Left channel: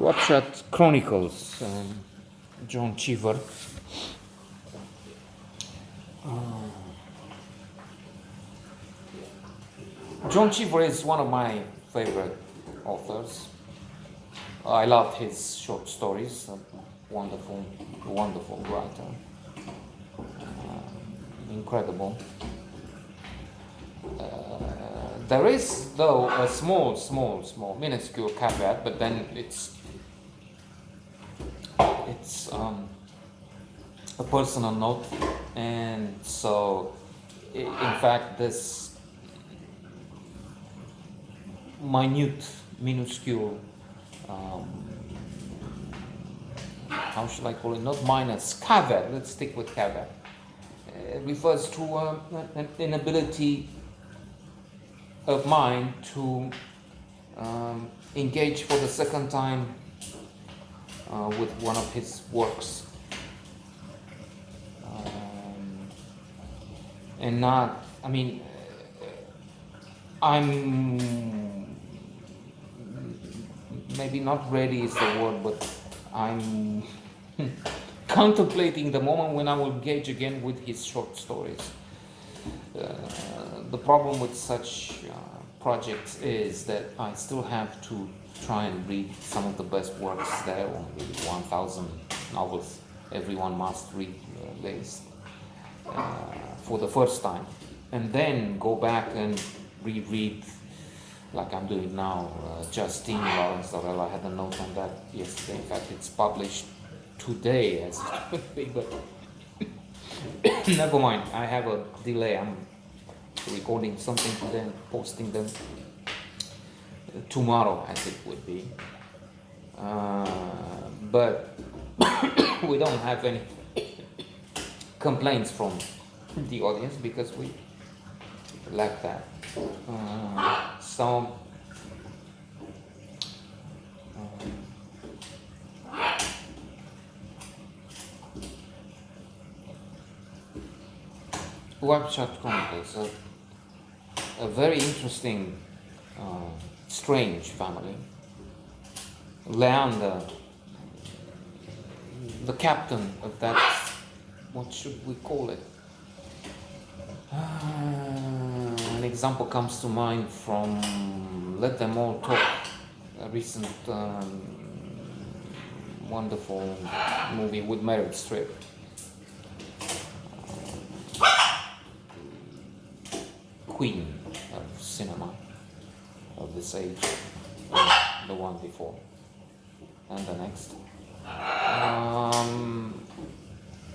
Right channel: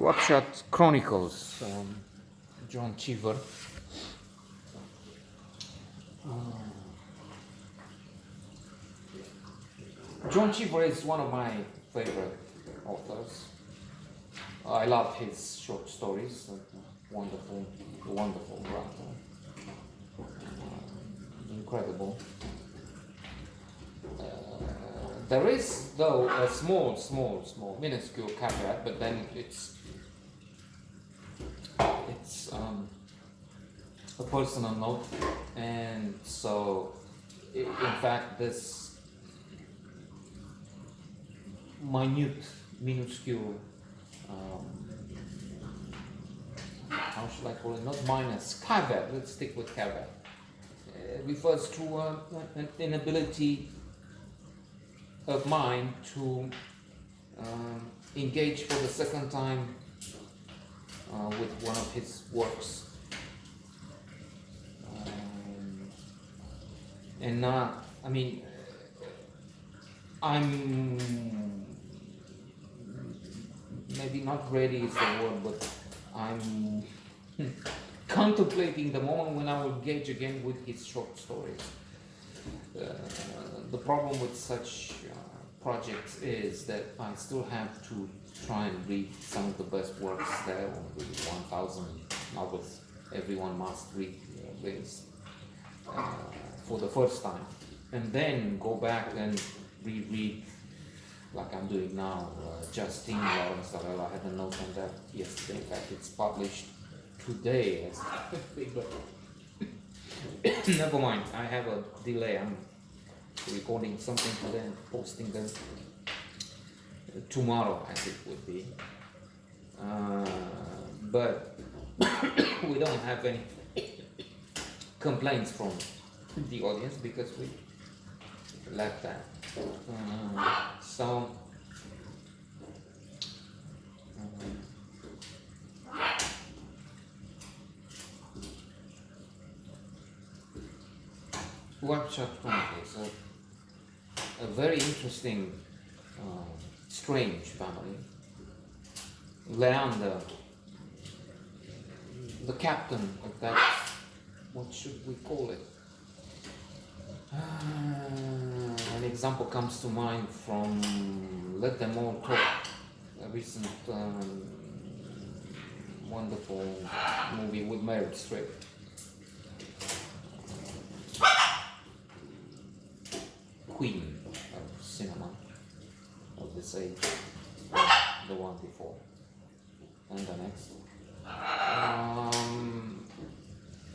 Wapshot Chronicles, John Cheever. John Cheever is one of my favorite authors. I love his short stories. A wonderful, wonderful writer. Incredible. There is, though, a small, minuscule caveat, but then it's a personal note, and so, in fact, this minuscule, how should I call it? Not minus, caveat. Let's stick with caveat. Refers to an inability of mine to engage for the second time with one of his works, and not, I mean, I'm maybe not ready is the word, but I'm contemplating the moment when I will engage again with his short stories. The problem with such projects is that I still have to try and read some of the best works there, or maybe 1,000 novels everyone must read list for the first time, and then go back and reread, like I'm doing now, Justine Lawrence Dorel. I had a note on that yesterday. In fact, it's published today as it would be, but never mind. I have a delay. I'm recording something today and posting them tomorrow, as it would be. But we don't have any complaints from the audience because we lack that. So Wapshot Chronicles, a very interesting, strange family. Leander, the captain of that, what should we call it? An example comes to mind from Let Them All Talk, a recent wonderful movie with Meryl Streep. Queen of cinema of this age, the one before and the next,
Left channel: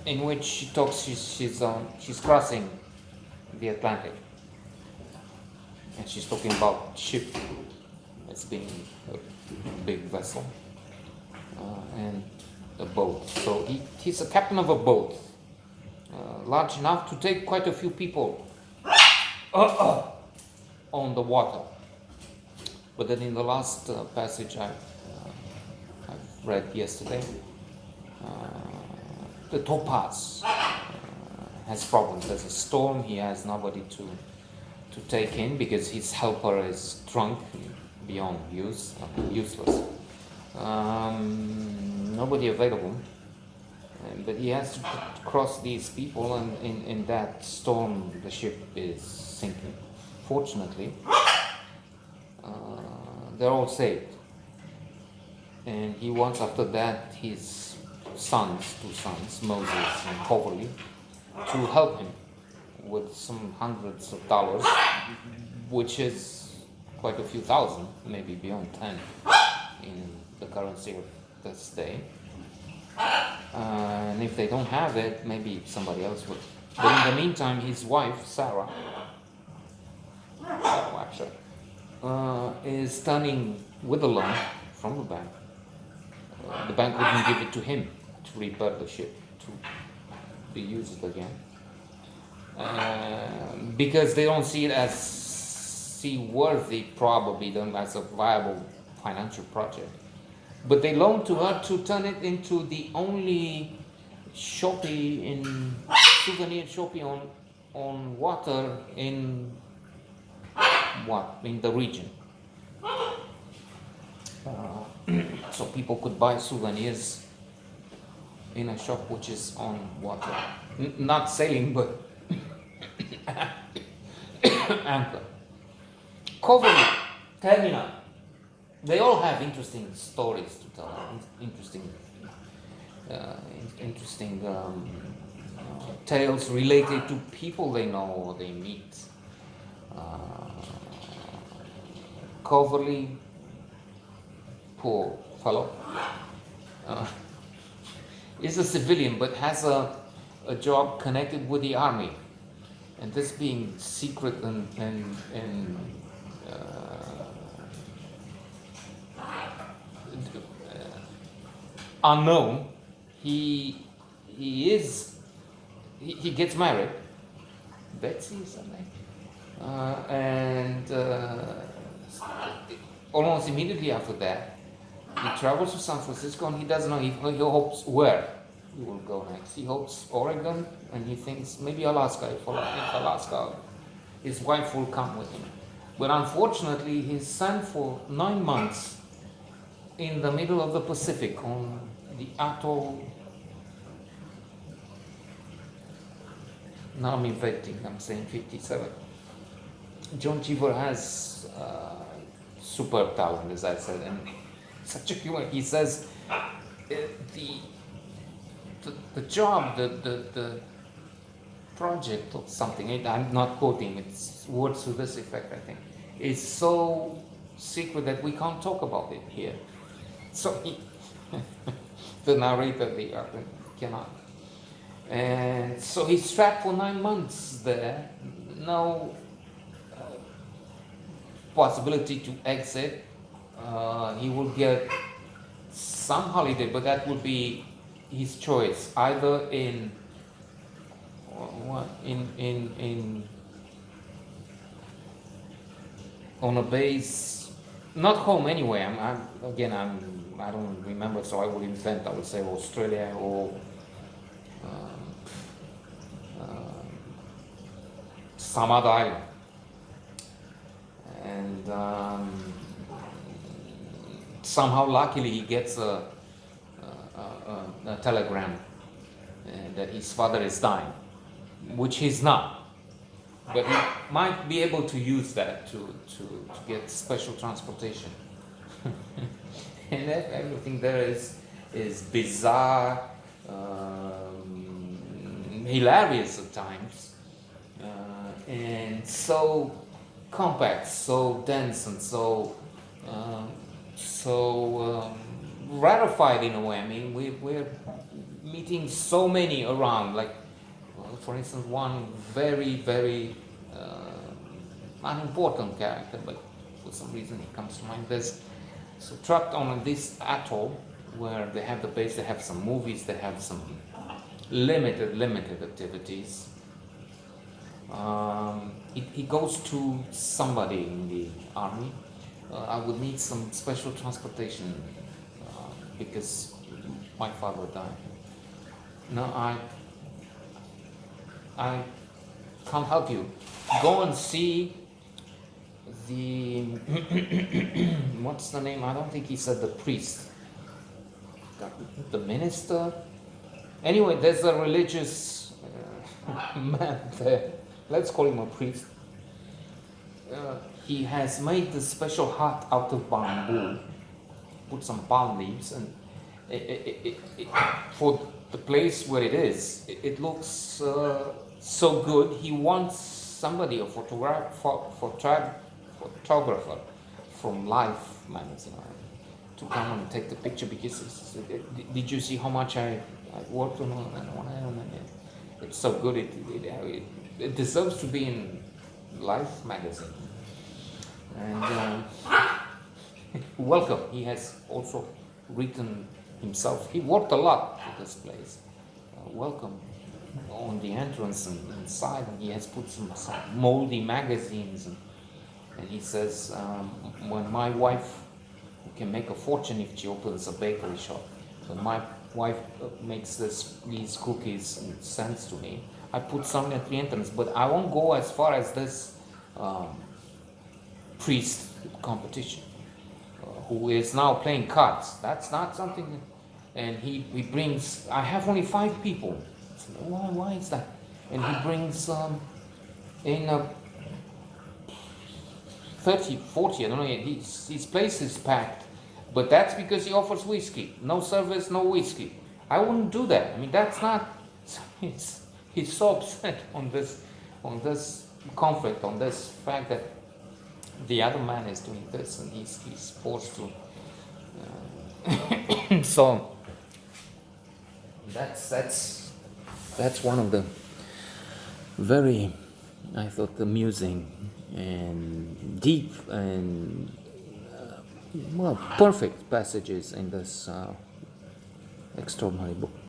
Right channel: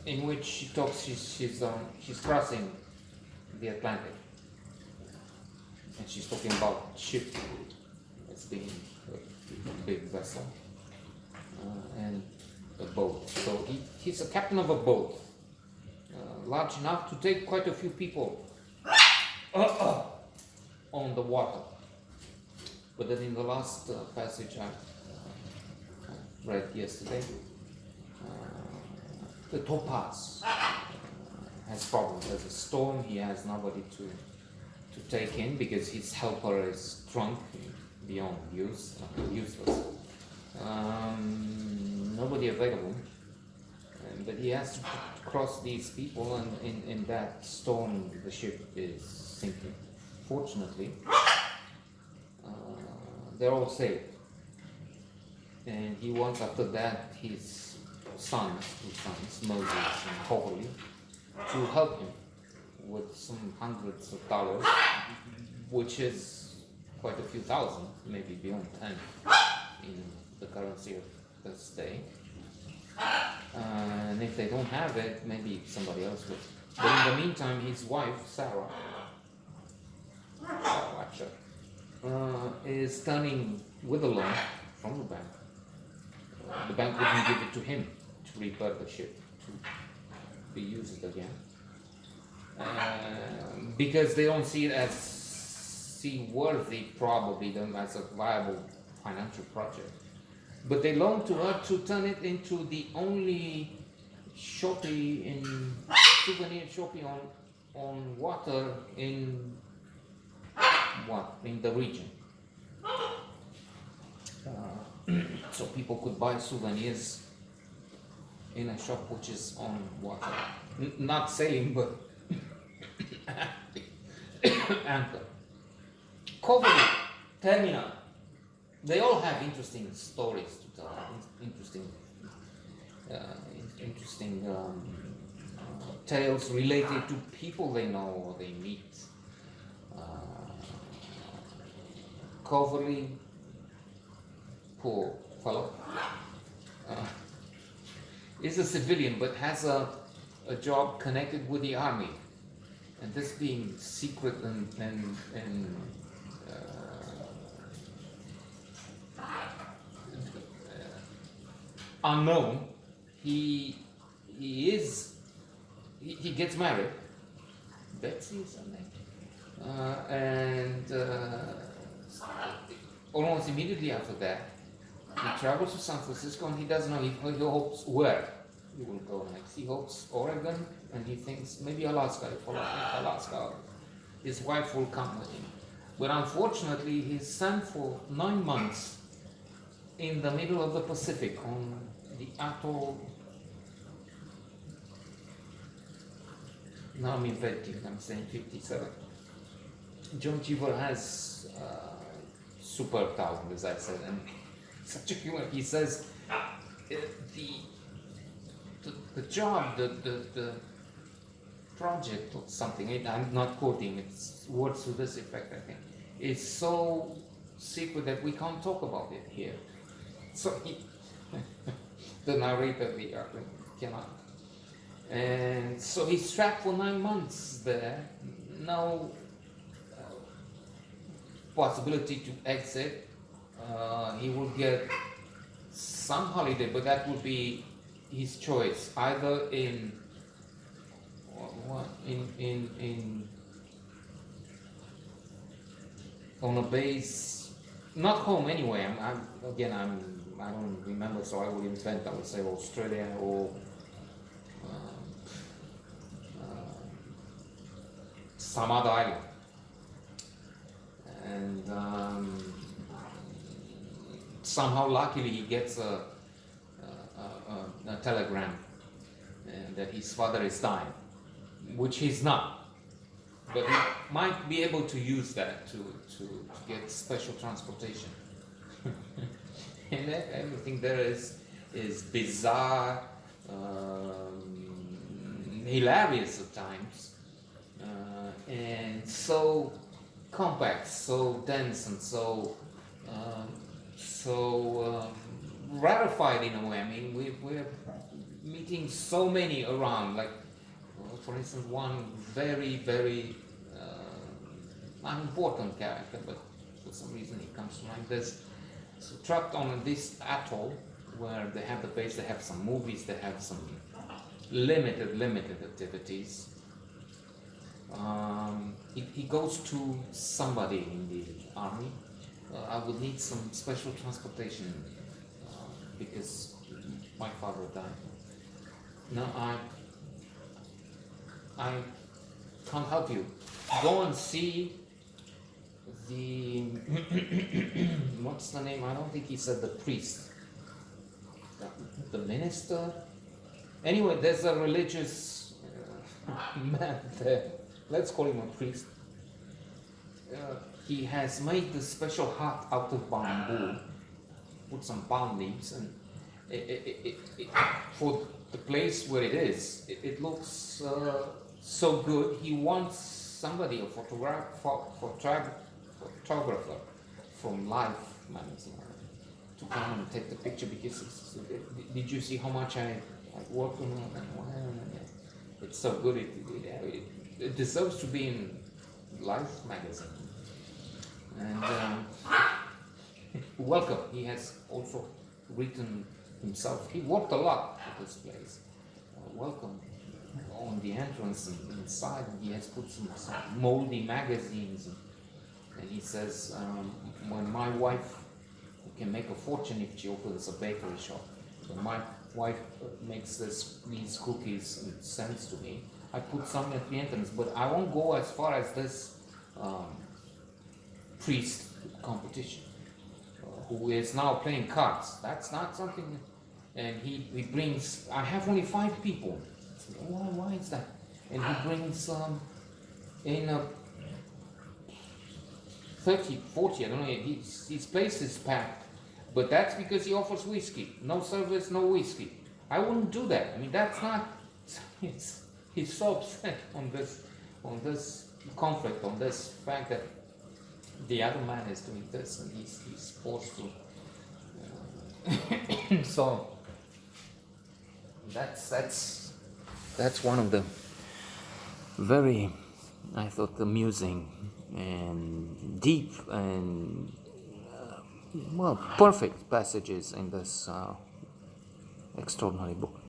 in which she talks, she's crossing the Atlantic, and she's talking about ship as being a big vessel, and a boat. So he's a captain of a boat, large enough to take quite a few people on the water. But then in the last passage I've read yesterday, the Topaz has problems. There's a storm. He has nobody to take in because his helper is drunk beyond use, useless. Nobody available. But he has to cross these people, and in that storm the ship is sinking. Fortunately, they're all saved. And he wants, after that, his two sons, Moses and Hoverly, to help him with some hundreds of dollars, which is quite a few thousand, maybe beyond 10 in the currency of this day. And if they don't have it, maybe somebody else would. But in the meantime, his wife, Sarah, actually, is turning with a loan from the bank. The bank wouldn't give it to him to repair the ship, to be used again, because they don't see it as seaworthy, probably, them as a viable financial project. But they loan to her to turn it into the only souvenir shopping on water in the region. so people could buy souvenirs in a shop which is on water. Not sailing, but anchor. Coverly, terminal. They all have interesting stories to tell, interesting tales related to people they know or they meet. Coverly, poor fellow, is a civilian but has a job connected with the army, and this being secret and unknown, he gets married. Betsy is her name, and almost immediately after that, he travels to San Francisco, and he doesn't know. He hopes where he will go next. He hopes Oregon, and he thinks maybe Alaska. If Alaska, his wife will come with him. But unfortunately, he's sent for 9 months in the middle of the Pacific on the atoll. Now I'm inventing, I'm saying 57. John Cheever has super talent, as I said, and such a humor. He says the job, the project or something, I'm not quoting, it's words to this effect, I think, is so secret that we can't talk about it here. So the narrator, the author, cannot. And so he's trapped for 9 months there, no possibility to exit. He will get some holiday, but that would be his choice, either in on a base, not home anyway. I don't remember, so I would invent. I would say Australia or some other island, and somehow, luckily, he gets a telegram that his father is dying, which he's not, but he might be able to use that to get special transportation. And everything there is bizarre, hilarious at times, and so compact, so dense, and so rarified in a way. I mean, we're meeting so many around, like for instance, one very, very unimportant character, but for some reason he comes to mind. There's so trapped on this atoll where they have the base, they have some movies, they have some limited activities. He goes to somebody in the army. I would need some special transportation because my father died. No, I can't help you. Go and see the what's the name? I don't think he said the priest. The minister. Anyway, there's a religious man there. Let's call him a priest. He has made this special hut out of bamboo, put some palm leaves, and for the place where it is, it looks so good. He wants somebody, a photographer from Life magazine, to come and take the picture, because did you see how much I worked on it? It's so good, it deserves to be in Life magazine. And welcome. He has also written himself. He worked a lot at this place. Welcome on the entrance and inside, and he has put some moldy magazines. And he says, when my wife, who can make a fortune if she opens a bakery shop, when my wife makes these cookies and sends to me, I put some at the entrance, but I won't go as far as this priest competition. who is now playing cards. That's not something. And he brings. I have only 5 people. I said, why is that? And he brings in 30, 40. I don't know. His place is packed, but that's because he offers whiskey. No service, no whiskey. I wouldn't do that. I mean, that's not. He's so upset on this conflict, on this fact that the other man is doing this and he's forced to. So that's one of the very, I thought, amusing and deep and perfect passages in this extraordinary book.